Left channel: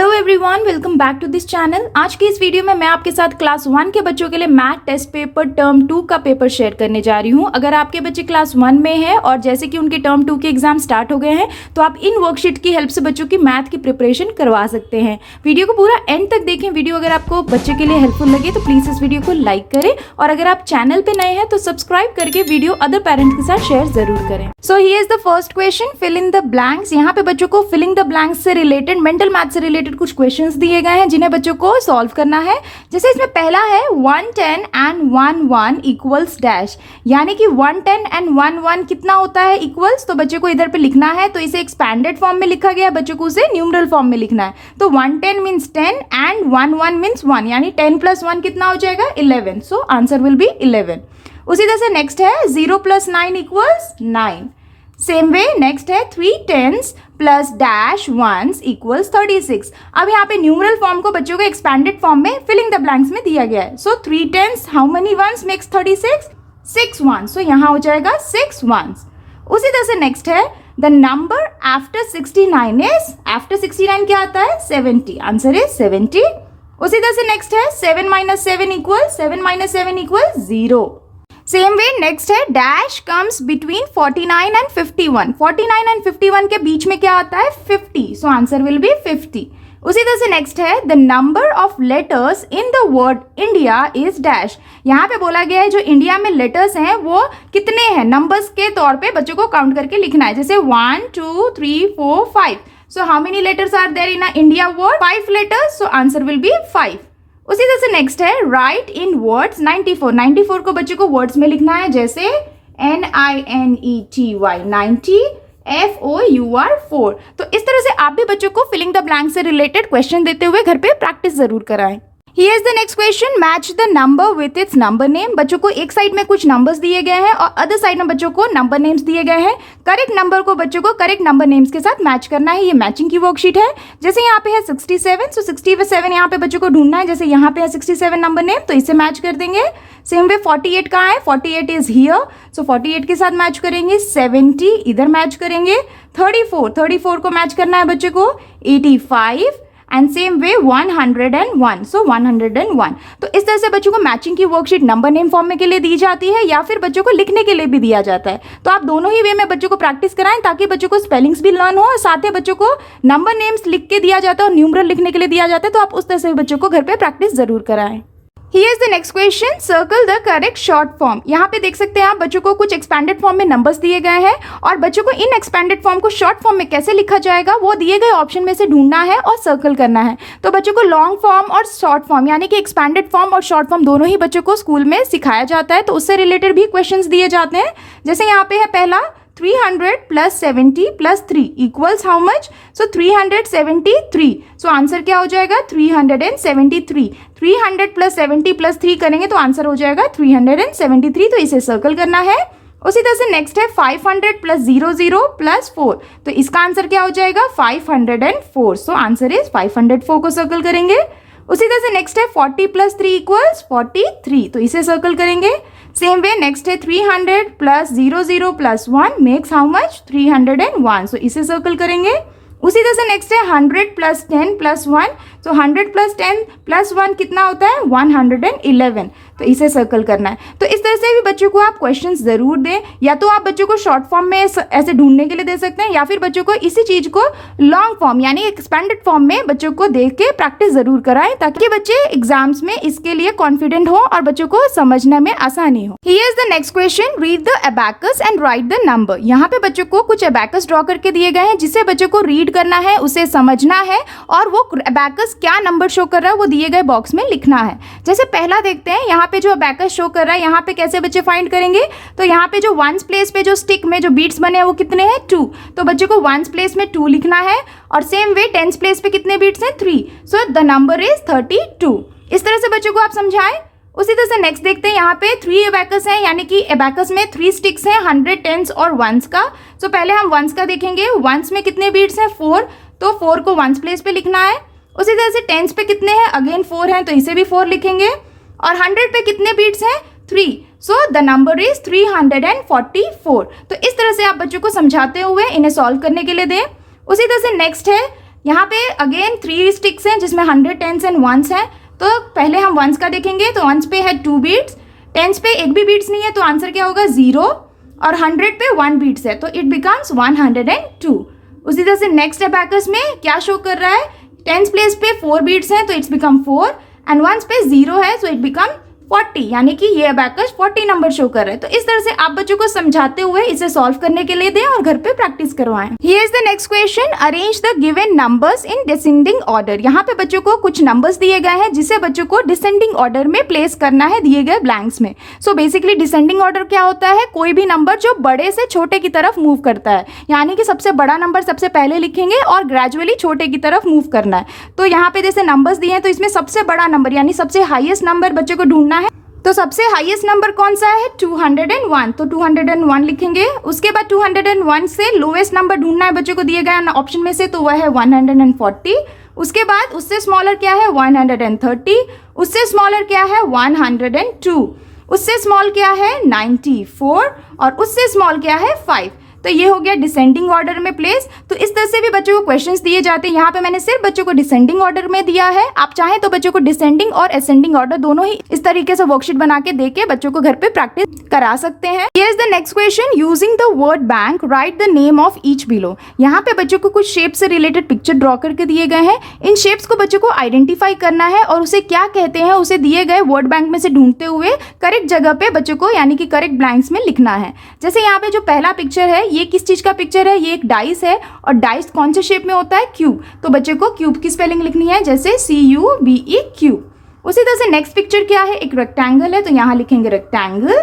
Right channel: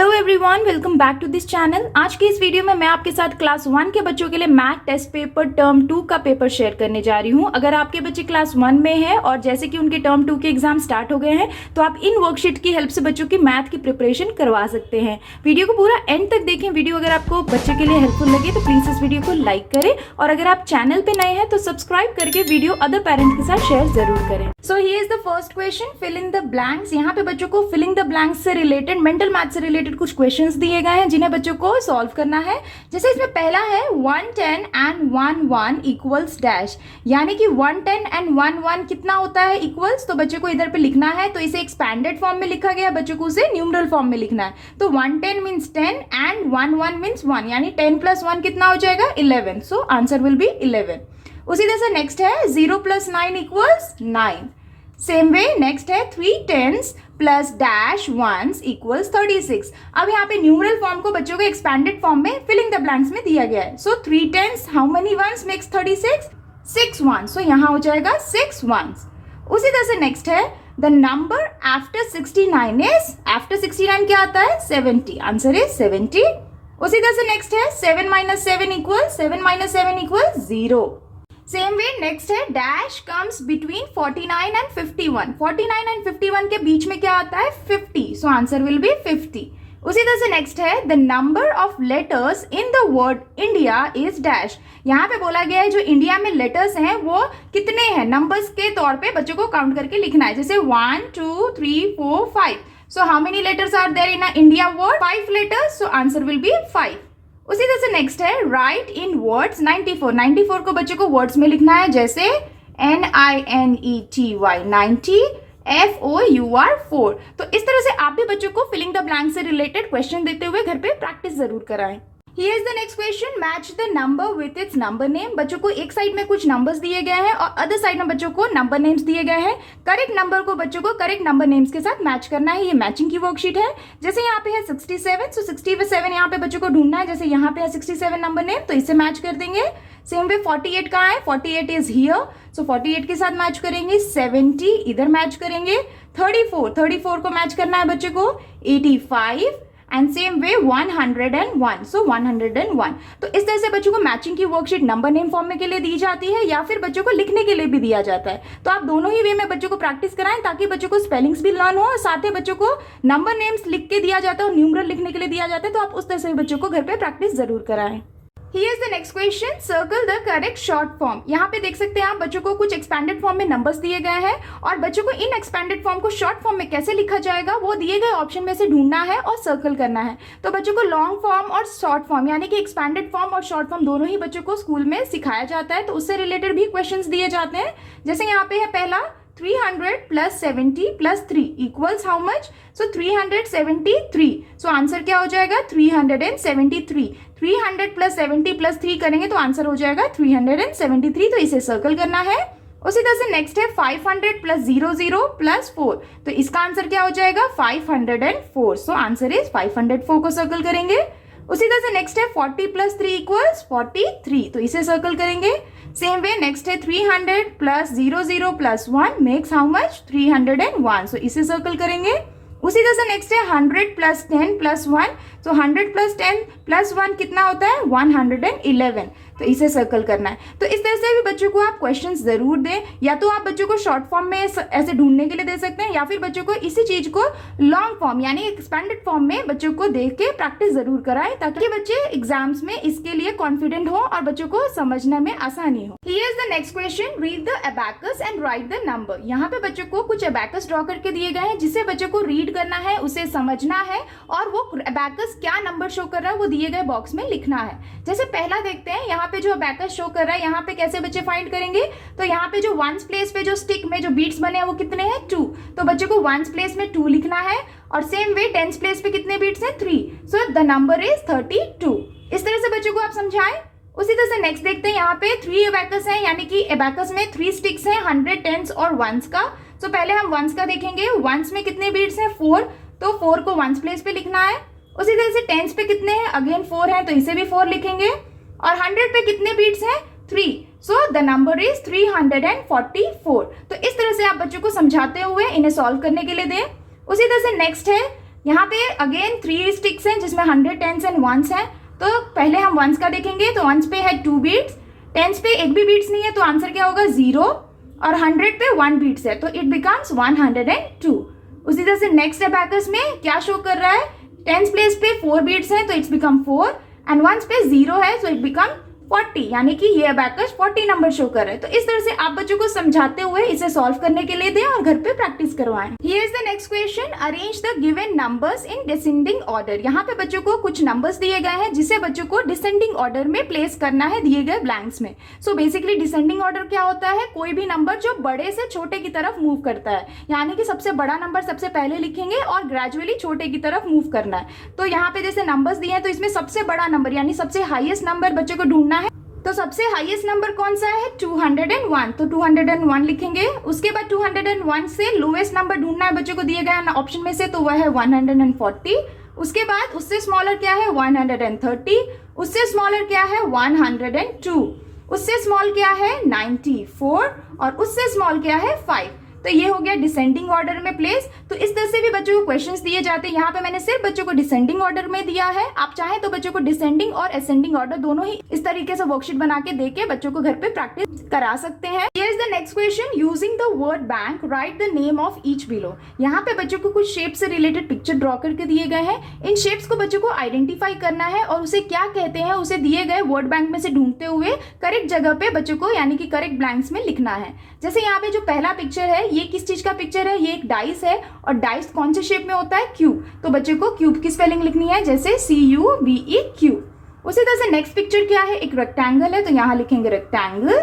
Hello everyone, welcome back to this channel. आज की इस वीडियो में मैं आपके साथ क्लास 1 के बच्चों के लिए मैथ टेस्ट पेपर टर्म 2 का पेपर शेयर करने जा रही हूं। अगर आपके बच्चे क्लास 1 में हैं और जैसे कि उनके टर्म 2 के एग्जाम स्टार्ट हो गए हैं तो आप इन वर्कशीट की हेल्प से बच्चों की मैथ की प्रिपरेशन करवा सकते हैं। वीडियो को पूरा एंड तक देखें। वीडियो अगर आपको बच्चे के लिए हेल्पफुल लगे तो प्लीज इस वीडियो को लाइक करें और अगर आप चैनल पे नए हैं तो सब्सक्राइब करके वीडियो अदर पेरेंट्स के साथ शेयर जरूर करें। So here is the first question, fill in the blanks. यहाँ पे बच्चों को फिलिंग द ब्लैंक्स से रिलेटेड, मेंटल मैथ से रिलेटेड कुछ क्वेश्चंस दिए गए हैं जिन्हें बच्चों को सॉल्व करना है। जैसे इसमें पहला है 110 एंड 11 इक्वल्स डैश, यानी कि 110 एंड 11 कितना होता है इक्वल्स, तो बच्चे को इधर पे लिखना है। तो इसे एक्सपैंडेड फॉर्म में लिखा गया, बच्चों को उसे न्यूमरल फॉर्म में लिखना है। तो 110 मीन्स 10 एंड 11 मीन्स 1, यानी 10 + 1 कितना हो जाएगा 11। सो आंसर विल बी 11। उसी तरह से नेक्स्ट है 0 + 9 इक्वल्स 9। सेम वे नेक्स्ट है 3 10s + डैश 1s इक्वल्स 36। अब यहाँ पे न्यूमरल फॉर्म को बच्चों को एक्सपैंडेड फॉर्म में फिलिंग द ब्लैंक्स में दिया गया है। सो 3 10s how many once makes 36? 6 1s। सो यहाँ हो जाएगा 6 1s। उसी तरह से नेक्स्ट है the number after 69 is, after 69 क्या आता है 70। Answer is 70। उसी तरह से नेक्स्ट है 7 - 7 equal 7 - 7 equal 0। Same way next है dash comes between 49 and 51। 49 and 51 के बीच में क्या आता है 50। So answer will be 50। उसी तरह से नेक्स्ट है the number of letters in the word India is dash. यहाँ पे बोला गया है जो इंडिया में लेटर्स हैं वो कितने हैं, नंबर्स के तौर पे बच्चों को काउंट करके लिखना है। जैसे 1 2 3 4 5। So how many letters are there in India word? 5 letters. So answer will be 5। उसी तरह से नेक्स्ट है राइट इन वर्ड्स 94। 94 को बच्चों को वर्ड्स में लिखना है। जैसे NINETY 90, FOUR 4। तो इस तरह से आप भी बच्चों को फिलिंग द ब्लैंक से रिलेटेड क्वेश्चन देते हुए घर पे प्रैक्टिस जरूर कराएं। Here is the next question, match the number with its number name। बच्चों को एक साइड में कुछ नंबर्स दिए गए हैं और अदर साइड में बच्चों को नंबर नेम्स दिए गए हैं। करेक्ट नंबर को बच्चों को करेक्ट नंबर नेम्स के साथ मैच करना है। ये मैचिंग की वर्कशीट है। जैसे यहाँ पे है 67, सो 67 यहाँ पे बच्चों को ढूंढना है। जैसे यहाँ पे है 67 नंबर नेम, तो इसे मैच कर देंगे। सेम वे 48 कहाँ है, 48 इज हियर, सो 48 के साथ मैच करेंगे। 70 इधर मैच करेंगे। 34 को मैच करना है बच्चों को। 85 एंड सेम वे 101, सो 101। तो इस तरह से बच्चों को मैचिंग की वर्कशीट नंबर नेम फॉर्म में के लिए दी जाती है या फिर बच्चों को लिखने के लिए भी दिया जाता है। तो आप दोनों ही वे में बच्चों को प्रैक्टिस कराएं ताकि बच्चों को स्पेलिंग्स भी लर्न हो और साथ ही बच्चों को नंबर नेम्स लिख के दिया जाता है और न्यूमरल लिखने के लिए दिया जाता है। तो आप उस तरह से बच्चों को घर पे प्रैक्टिस जरूर कराएं। Here is the next question, circle the correct short form। यहाँ पे देख सकते हैं आप बच्चों को कुछ एक्सपैंडेड फॉर्म में नंबर्स दिए गए हैं और बच्चों को इन एक्सपैंडेड फॉर्म को शॉर्ट फॉर्म में कैसे लिखा जाएगा वो दिए गए ऑप्शन में से ढूंढना है और सर्कल करना है। तो बच्चों को लॉन्ग फॉर्म और शॉर्ट फॉर्म यानी कि एक्सपैंडेड फॉर्म और शॉर्ट फॉर्म दोनों ही बच्चों को स्कूल में सिखाया जाता है। तो उससे रिलेटेड भी क्वेश्चंस दिए जाते हैं। जैसे यहाँ पे है पहला 300 + 70 + 3 equals how much? So 373। So answer क्या हो जाएगा 373। 300 + 70 + 3 करेंगे तो आंसर हो जाएगा 373। तो इसे सर्कल करना है। उसी तरह से नेक्स्ट है 500 + 00 + 4। तो इसका आंसर क्या हो जाएगा 504। सो आंसर इज 504 को सर्कल करेंगे। उसी तरह से नेक्स्ट है 40 + 3 इक्वल्स 43। तो इसे सर्कल करेंगे। सेम वे नेक्स्ट है 300 + 00 + 1 मेक्स हाउ मच 301। सो इसे सर्कल करेंगे। उसी तरह से नेक्स्ट है 100 + 10 + 1। तो 100 + 10 + 1 कितना होता है 111। तो इसे सर्कल करना है। तो इस तरह से भी बच्चों को आप क्वेश्चंस जरूर दें, या तो आप बच्चों को शॉर्ट फॉर्म में ऐसे ढूंढने के लिए दे सकते हैं या फिर बच्चों को इसी चीज को लॉन्ग फॉर्म यानी एक्सपैंडेड फॉर्म में बच्चों को देख के प्रैक्टिस जरूर कराएं ताकि बच्चे एग्जाम्स में इसके लिए कॉन्फिडेंट हो और बच्चों को समझने में आसानी हो। Here is the next question, read the abacus and right the number. यहाँ पे बच्चों को कुछ अबैकस ड्रॉ करके दिए गए हैं जिसे बच्चों को रीड करना है, उसे समझना है और वो अबैकस क्या नंबर शो कर रहा है वो दिए गए बॉक्स में लिखना है। जैसे पहला देखते हैं, यहाँ पे जो अबैकस शो कर रहा है यहाँ पे कैसे बच्चे फाइंड करेंगे? तो यहाँ पे जो वंस प्लेस पे जो स्टिक में जो बीट्स बने हैं वो कितने हैं 2। तो बच्चे को वंस प्लेस में 2 लिखना है और सेम वे टेंस प्लेस पे कितने बीट्स हैं 3। So the number is 32। इस तरह से बच्चों को आप समझाएं। उसी तरह से नेक्स्ट देखते हैं, यहाँ पे 3 अबैकस हैं यानी कि अबैकस में 3 स्टिक्स हैं 100, टेंस और वंस का। सो पहले हम वंस का देखेंगे। वंस में कितने बीट्स हैं 4, तो 4 को वंस प्लेस पे लिखना है। उसी तरह से टेंस पे कितने हैं अगेन 4 हैं तो इसे भी 4 लिखेंगे और 100 पे कितने बीट्स हैं 3। So the number is 344। तो इस तरह से आप बच्चों को समझाते हुए इन्हें सॉल्व करने के लिए दें। उसी तरह से नेक्स्ट है यहाँ पे अगेन 3 स्टिक्स हैं जिसमें 100, 10s एंड 1s हैं। तो पहले हम 1s का देखेंगे, तो 1s पे है 2 बीट्स, 10s पे एक भी बीट्स नहीं है, तो आंसर क्या होगा 0, और 100 पे 1 बीट्स है, तो इट बिकम्स 102। उसी तरह से नेक्स्ट अबैकस में क्या शो कर रहा है, 10s प्लेस पे 4 बीट्स हैं तो इट्स बिकम 4, एंड 1s पे 0 है, सो इट बिकम 40, यानी कि ये अबैकस 40 नंबर शो कर रहा है। तो इस तरह से आप बच्चों को समझाते हुए इसे सॉल्व करने के लिए दें और घर पे प्रैक्टिस करवाएं। Here is the next question, arrange the given numbers in descending order. यहाँ पे बच्चों को कुछ नंबर्स दिए गए हैं जिसे बच्चों को डिसेंडिंग ऑर्डर में प्लेस करना है दिए गए ब्लैंक्स में। सो बेसिकली डिसेंडिंग ऑर्डर क्या होता है, कोई भी नंबर जो बड़े से छोटे की तरफ मूव करता है, यानी कि सबसे बड़ा नंबर सबसे पहले लिखेंगे और ग्रेजुअली छोटे की तरफ मूव करना है। तो यहाँ पे जैसे नंबर्स दिए हैं तो इसमें सबसे बड़ा नंबर यानी सबसे हाईएस्ट नंबर बच्चों को ढूंढना है। तो सबसे हाईएस्ट नंबर कौन सा है, 201, तो 201 लिखेंगे। उसके बाद 201 से लोएस्ट नंबर ढूंढना है बच्चों को दिए गए ऑप्शन में से, तो वह है 140। उसके बाद उससे स्मॉलर क्या है 130, उससे स्मॉलर क्या है 102, उससे स्मॉल क्या है 94, और उससे स्मॉल क्या है 5। तो ये हो गया डिसेंडिंग ऑर्डर में प्लेस। तो इस तरह से भी बच्चों को क्वेश्चंस दिए जाते हैं। यहाँ पे मैंने सिर्फ बच्चों को डिसेंडिंग ऑर्डर में दिया है, आप चाहें तो बच्चों को डिसेंडिंग और असेंडिंग ऑर्डर दोनों ही इस तरीके से वर्कशीट बना के देके बच्चों को घर पे प्रैक्टिस करा सकते हैं। Here is the next question, using the word bank right the name of each below. यहाँ पे बच्चों को कुछ शेप से रिलेटेड पिक्चर ड्रॉ करके दिए गए हैं। इन शेप्स को बच्चों को आइडेंटिफाई करना है और उसे क्या कहते हैं उसे दिए गए वर्ड बैंक में से ढूंढते हुए करेक्ट जगह पे बच्चों को यानी कि करेक्ट ब्लैंक्स में लिखना है। जैसे यहाँ पे जो पहला पिक्चर है ये किस चीज का पिक्चर है, ये एक डाइस है, और डाइस कौन से शेप में होता है, क्यूब। तो बच्चे को क्यूब की स्पेलिंग लिखनी है जैसे CUBE क्यूब। उसी तरह से नेक्स्ट पिक्चर क्या है, एक रेक्टेंगल है, तो यहाँ लिखेंगे रेक्टेंगल।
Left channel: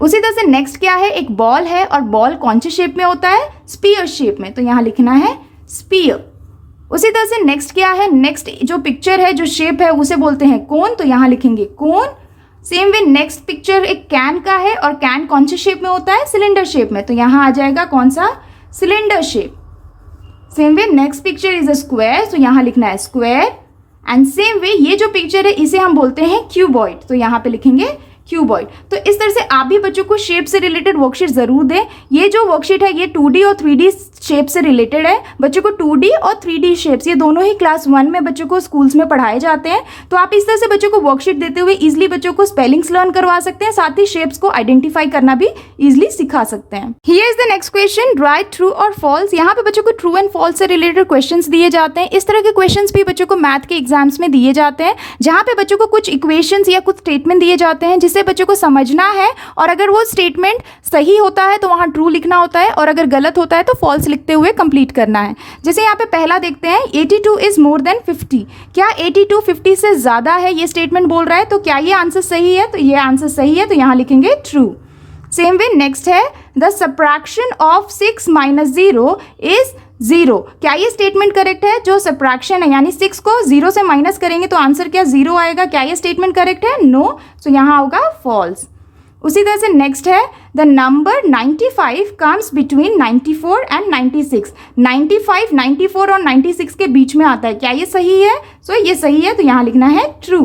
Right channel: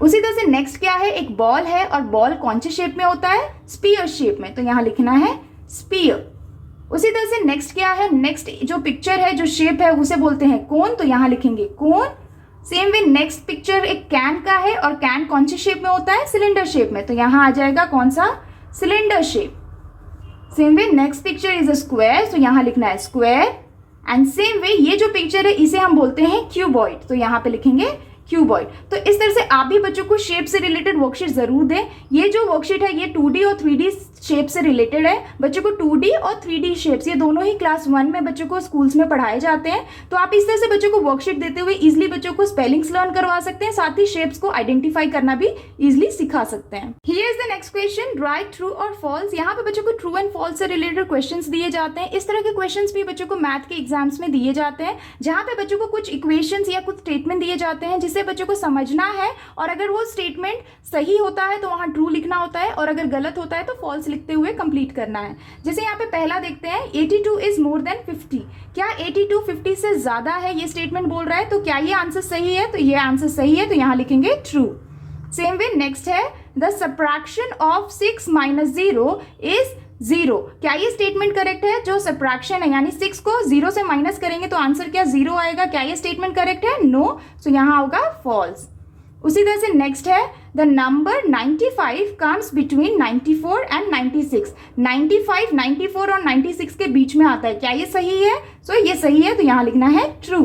उसी तरह से नेक्स्ट क्या है, एक बॉल है, और बॉल कौन से शेप में होता है, स्पीयर शेप में, तो यहाँ लिखना है स्पीयर। उसी तरह से नेक्स्ट क्या है, नेक्स्ट जो पिक्चर है जो शेप है उसे बोलते हैं कोन, तो यहाँ लिखेंगे कोन। सेम वे नेक्स्ट पिक्चर एक कैन का है, और कैन कौन से शेप में होता है, सिलेंडर शेप में, तो यहाँ आ जाएगा कौन सा, cylinder shape. Same way next picture is a square, तो यहाँ लिखना है स्क्वायर। एंड सेम वे ये जो पिक्चर है इसे हम बोलते हैं क्यूबॉइड, तो यहाँ पे लिखेंगे क्यूबॉइड। तो इस तरह से आप भी बच्चों को शेप से रिलेटेड वर्कशीट जरूर दें। ये जो वर्कशीट है ये 2D और 3D शेप से रिलेटेड है। बच्चों को 2D और 3D शेप्स ये दोनों ही क्लास 1 में बच्चों को स्कूल्स में पढ़ाए जाते हैं। तो आप इस तरह से बच्चों को वर्कशीट देते हुए इजिली बच्चों को स्पेलिंग्स लर्न करवा सकते हैं, साथ ही शेप्स को आइडेंटिफाई करना भी इजिली सिखा सकते हैं। Here is the next question, right true और फॉल्स। यहाँ पे बच्चों को ट्रू एंड फॉल्स से रिलेटेड क्वेश्चंस दिए जाते हैं। इस तरह के क्वेश्चंस भी बच्चों को मैथ के एग्जाम्स में दिए जाते हैं, जहाँ पे बच्चों को कुछ इक्वेशंस या कुछ स्टेटमेंट दिए जाते हैं जिसे बच्चों को समझना है, और अगर वो स्टेटमेंट सही होता है तो वहाँ ट्रू लिखना होता है, और अगर गलत होता है तो फॉल्स लिखते हुए कंप्लीट करना है। जैसे यहाँ पे पहला देखते हैं, 82 इज मोर देन 50। क्या 82 50 से ज्यादा है, ये स्टेटमेंट बोल रहा है, तो क्या ये आंसर सही है, तो ये आंसर सही है, तो यहाँ लिखेंगे ट्रू। सेम वे नेक्स्ट है, द सब्ट्रैक्शन ऑफ 6 - 0 इज 0। क्या ये स्टेटमेंट करेक्ट है, जो सब्ट्रैक्शन है यानी 6 को 0 से माइनस करेंगे तो आंसर क्या 0 आएगा, क्या ये स्टेटमेंट करेक्ट है, नो, तो यहाँ होगा फॉल्स। उसी तरह से नेक्स्ट है, the number 95 comes between 94 and 96। 95 94 और 96 के बीच में आता है, क्या ये सही है, सो ये सही है, तो यहाँ लिखना है ट्रू।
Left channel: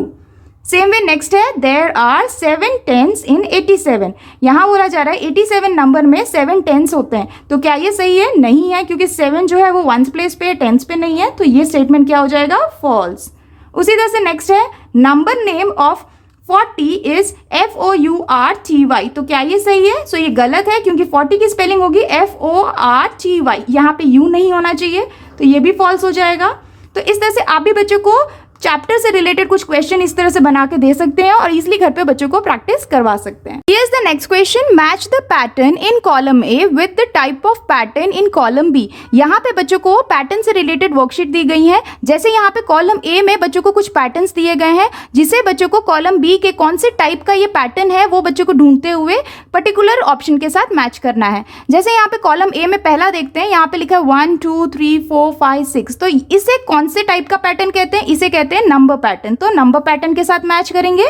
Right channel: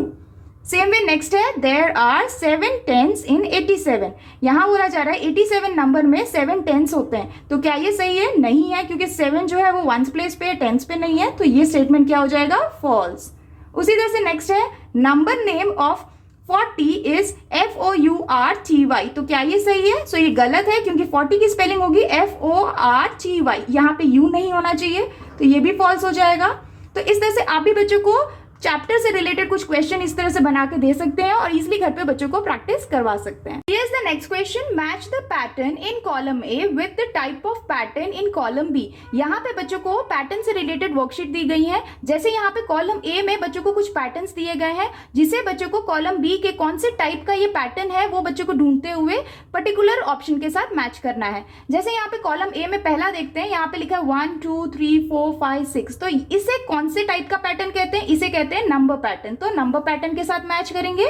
सेम वे नेक्स्ट है, देयर आर 7 10s इन 87। यहाँ बोला जा रहा है 87 नंबर में 7 10s होते हैं, तो क्या ये सही है, नहीं है, क्योंकि 7 जो है वो 1s प्लेस पे है, 10s पे नहीं है, तो ये स्टेटमेंट क्या हो जाएगा, फॉल्स। उसी तरह से नेक्स्ट है, number name of 40 is FOURTY। तो क्या ये सही है, सो ये गलत है, क्योंकि 40 की स्पेलिंग होगी FORTY, यहाँ पे U नहीं होना चाहिए, तो ये भी फॉल्स हो जाएगा। तो इस तरह से आप भी बच्चों को चैप्टर से रिलेटेड कुछ क्वेश्चन इस तरह से बना के दे सकते हैं और इजिली घर पे बच्चों को प्रैक्टिस करवा सकते हैं। Here is the next question, match the pattern in column A with the type of pattern in column B. यहाँ पे बच्चों को पैटर्न से रिलेटेड वर्कशीट दी गई है। जैसे यहाँ पे कॉलम ए में बच्चों को कुछ पैटर्न्स दिए गए हैं, जिसे बच्चों को कॉलम बी के कौन से टाइप का ये पैटर्न है वो बच्चों को ढूंढते हुए पर्टिकुलर ऑप्शन के साथ मैच करना है। जैसे यहाँ पे कॉलम ए में पहला देखते हैं, यहाँ पे लिखा है 1 2 3 4 5 6, तो इसे कौन से टाइप का पैटर्न कहते हैं, इसे कहते हैं नंबर पैटर्न, तो नंबर पैटर्न के साथ मैच करेंगे।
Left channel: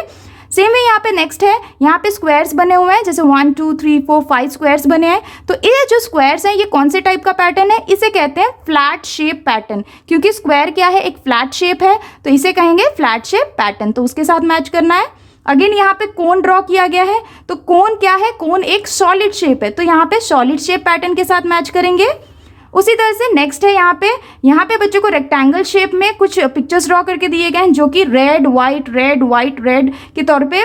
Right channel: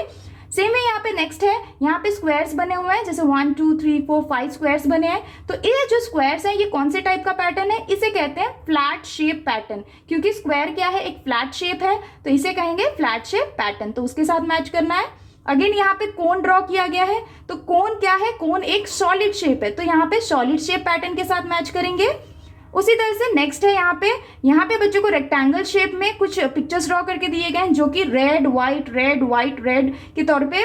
सेम वे यहाँ पे नेक्स्ट है, यहाँ पे स्क्वायर्स बने हुए हैं, जैसे 1 2 3 4 5 स्क्वायर्स बने हैं, तो ये जो स्क्वायर्स हैं ये कौन से टाइप का पैटर्न है, इसे कहते हैं फ्लैट शेप पैटर्न, क्योंकि स्क्वायर क्या है, एक फ्लैट शेप है, तो इसे कहेंगे फ्लैट शेप पैटर्न, तो उसके साथ मैच करना है। अगेन यहाँ पे कोन ड्रॉ किया गया है, तो कोन क्या है, कोन एक सॉलिड शेप है, तो यहाँ पे सॉलिड शेप पैटर्न के साथ मैच करेंगे। उसी तरह से नेक्स्ट है यहाँ पे बच्चों को रेक्टेंगल शेप में कुछ पिक्चर्स ड्रॉ करके दिए गए हैं, जो कि रेड वाइट के तौर पे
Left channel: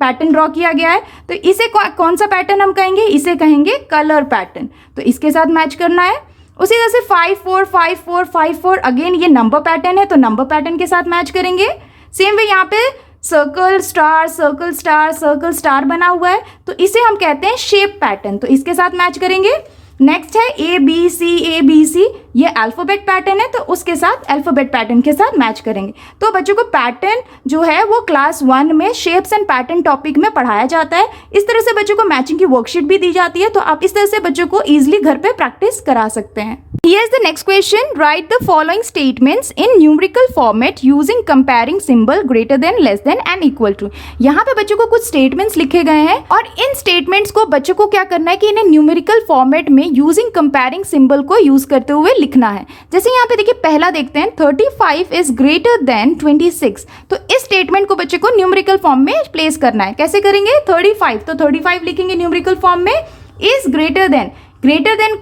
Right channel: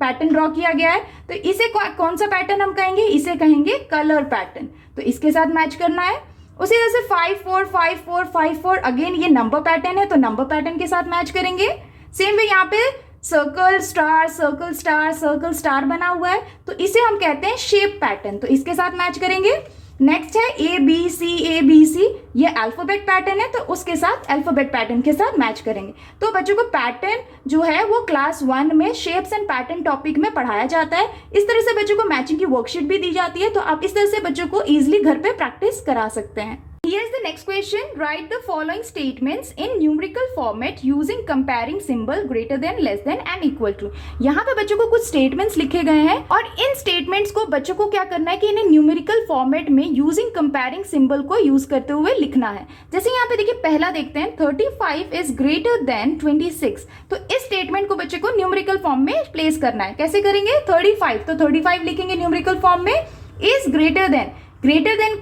पैटर्न ड्रॉ किया गया है। तो इसे कौन सा पैटर्न हम कहेंगे, इसे कहेंगे कलर पैटर्न। तो इसके साथ मैच करना है। उसी तरह से 5 4 5 4 5 4, अगेन ये नंबर पैटर्न है, तो नंबर पैटर्न के साथ मैच करेंगे। सेम वे यहाँ पे सर्कल स्टार बना हुआ है, तो इसे हम कहते हैं शेप पैटर्न, तो इसके साथ मैच करेंगे। नेक्स्ट है ए बी सी, ये अल्फाबेट पैटर्न है, तो उसके साथ अल्फाबेट पैटर्न के साथ मैच करेंगे। तो बच्चों को पैटर्न जो है वो क्लास 1 में शेप्स एंड पैटर्न टॉपिक में पढ़ाया जाता है। इस तरह से बच्चों को मैचिंग की वर्कशीट भी दी जाती है, तो आप इस तरह से बच्चों को ईजिली घर पे प्रैक्टिस करा सकते हैं। Here is the next question. Write the following statements in numerical format using comparing symbol greater than, less than and equal to. यहाँ पे बच्चों को कुछ statements लिखे गए हैं और इन statements को बच्चों को क्या करना है कि इन्हें numerical format में using comparing symbol को use करते हुए लिखना है। जैसे यहाँ पे देखिए पहला देखते हैं 35 is greater than 26, तो इस statement को बच्चे को numerical form में place करना है। कैसे करेंगे, 35, तो 35 लिखेंगे numerical form में, is greater than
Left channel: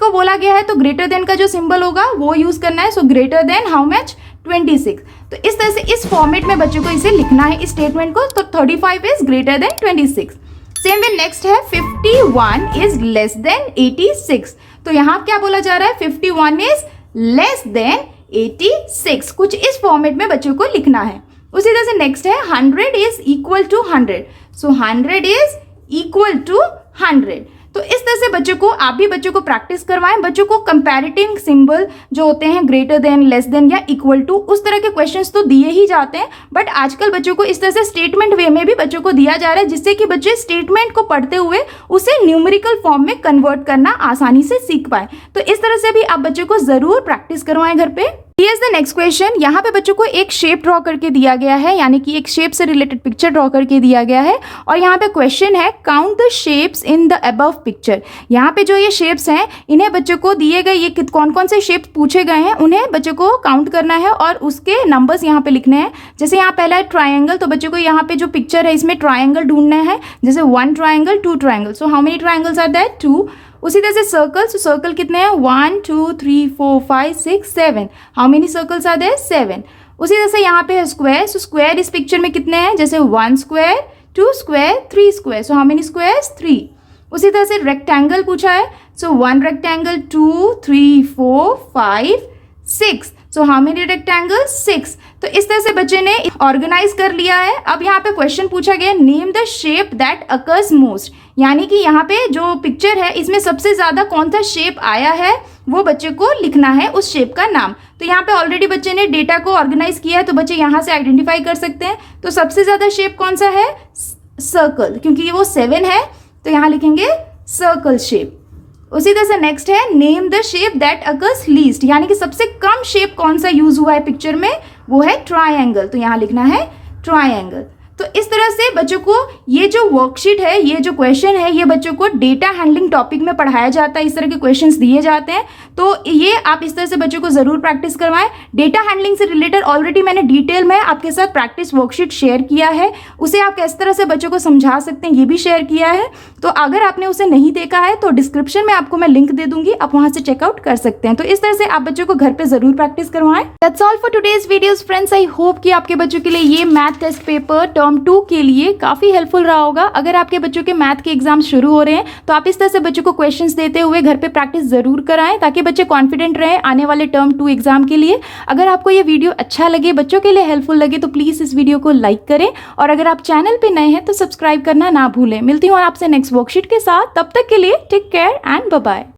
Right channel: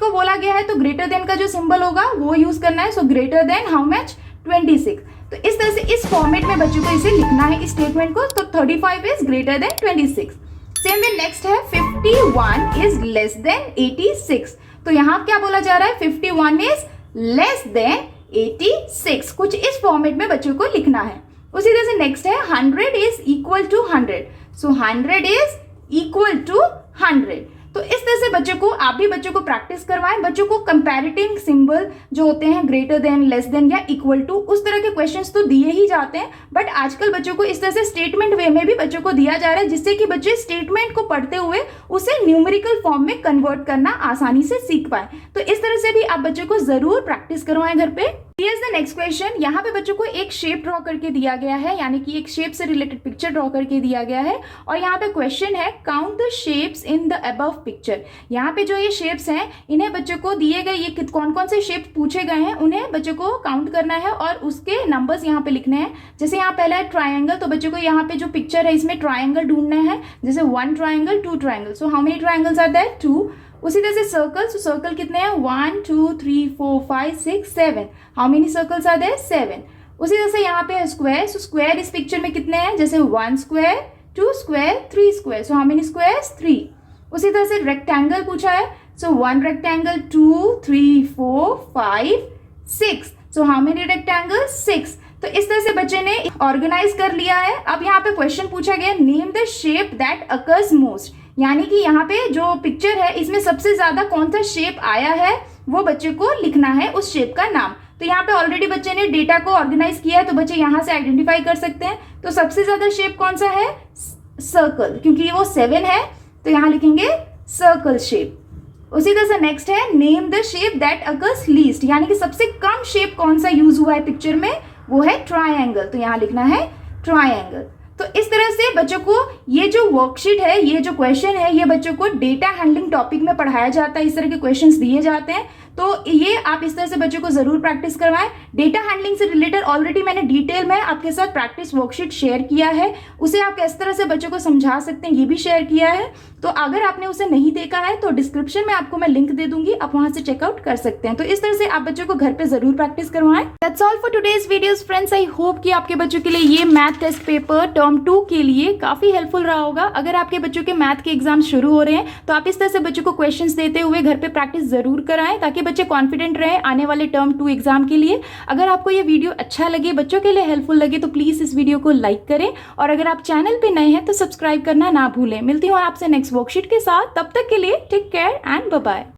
को बोला गया है, तो ग्रेटर देन का जो सिंबल होगा वो यूज करना है। So greater than how much, 26। तो इस तरह से इस फॉर्मेट में बच्चों को इसे लिखना है इस स्टेटमेंट को। तो 35 is greater than 26। Same way next है 51 इज लेस देन 86, तो यहाँ क्या बोला जा रहा है, 51 इज लेस देन 86, कुछ इस फॉर्मेट में बच्चों को लिखना है। उसी तरह से नेक्स्ट है 100 is equal to 100, so 100 is equal to 100। तो इस तरह से बच्चों को, आप भी बच्चों को प्रैक्टिस करवाएं। बच्चों को कंपैरेटिव सिंबल जो होते हैं ग्रेटर देन, लेस देन या इक्वल टू, उस तरह के क्वेश्चंस तो दिए ही जाते हैं, बट आजकल बच्चों को इस तरह से स्टेटमेंट वे में भी बच्चों को दिया जा रहा है, जिससे कि बच्चे स्टेटमेंट को पढ़ते हुए उसे न्यूमेरिकल फॉर्म में कन्वर्ट करना आसानी से सीख पाए। तो इस तरह से भी आप बच्चों को जरूर प्रैक्टिस करवाएं घर पे। Here's the next question. यहाँ पे बच्चों को एक शेप ड्रॉ करके दिया गया है, यानी कि एक शेप से रिलेटेड पिक्चर ड्रॉ करके दिया गया है, और यहाँ पे क्वेश्चन है count the shapes in the above picture. यहाँ पे जो ये शेप्स हैं, इन्हें बच्चों को दिए गए, ये कौन कौन से शेप्स पूछे गए हैं उन्हें बच्चों को काउंट करना है और उसके नंबर्स यहाँ पे लिखने हैं। जैसे यहाँ पहला है ट्राइंगल, तो बच्चों को यहाँ पे जो पिक्चर है इसमें ट्राइंगल ढूंढना है। जैसे 1 triangle, 2 triangle, so how many triangles are there, 2। उसी तरह से सर्कल, तो सर्कल कितने हैं, 1 2 3 4 5 6 7, how many circles are there, 7। उसी तरह से यहाँ पे है स्क्वायर, सो स्क्वायर इस पिक्चर में कितने हैं, जैसे 1 square, 2 square, 3 square, so how many squares, 3। उसी तरह से रेक्टेंगल पूछा है, so 1 rectangle, 2 3 4 5 6, so how many rectangle, 6। तो इस तरह से बच्चे ने ऑर्गेनाइज कर लिया है। अब यहाँ पे क्वेश्चन पूछा गया, name the shape that occurs most, यानी कि यहाँ पे जो पिक्चर है इसमें सबसे ज्यादा कौन सा शेप आया है वो बच्चे को लिखना है, उस शेप का नाम। तो यहाँ पे ऑलरेडी बच्चे ने डेटा को ऑर्गेनाइज किया है, तो बच्चे यहाँ से आइडेंटिफाई कर सकते हैं। तो सबसे ज्यादा शेप कौन सा है, सर्कल, क्योंकि वो 7 है, तो यहाँ लिखेंगे सर्कल शेप। उसी तरह से नेक्स्ट है name the shape that occurs least, यानी कि सबसे कम शेप कौन सा यूज हुआ है पिक्चर में, वो है ट्राइंगल, तो यहाँ लिखना है ट्राइंगल। तो इस तरह से बच्चों को ये जो वर्कशीट है, ये जो क्वेश्चन है, ये बच्चों को डेटा हैंडलिंग टॉपिक में पढ़ाया जाता है, इस तरह के क्वेश्चंस दिए जाते हैं। तो ये आप इस तरह से बच्चों को जरूर प्रैक्टिस करवाएं। डेटा हैंडलिंग से रिलेटेड ऑलरेडी मैंने डिटेल में आपके साथ प्रैक्टिस वर्कशीट शेयर किया है, उसे आप किस तरह से बच्चों को समझा सकते हैं ये भी शेयर किया है। तो अगर आपने उसे नहीं देखा है तो डिस्क्रिप्शन में आपको मैं लिंक दे दूंगी, आप वहां से चेकआउट कर सकते हैं। तो इस तरह से आप बच्चों को घर पे जरूर प्रैक्टिस करवाएं। That's all for today's videos friends. I hope कि आपके बच्चों के लिए ये मैथ टेस्ट पेपर टर्म 2 के लिए काफी हेल्पफुल रहा होगा। अगर आपके बच्चों के मैथ के एग्जाम शुरू हो रहे हैं तो आप इस तरह से बच्चों को क्वेश्चंस देते हुए घर पे प्रैक्टिस जरूर कराएं, ताकि बच्चे कॉन्फिडेंट रहे आने वाले टर्म 2 एग्जाम के लिए। अगर आपको ये वीडियो अच्छा लगे, बच्चों के लिए हेल्पफुल लगे, तो प्लीज इस वीडियो को लाइक करें, और अगर आप चैनल पे नए हैं तो सब्सक्राइब करना ना भूलें। मिलती हूँ आपसे नेक्स्ट वर्कशीट के साथ, तब तक के लिए take care and bye bye.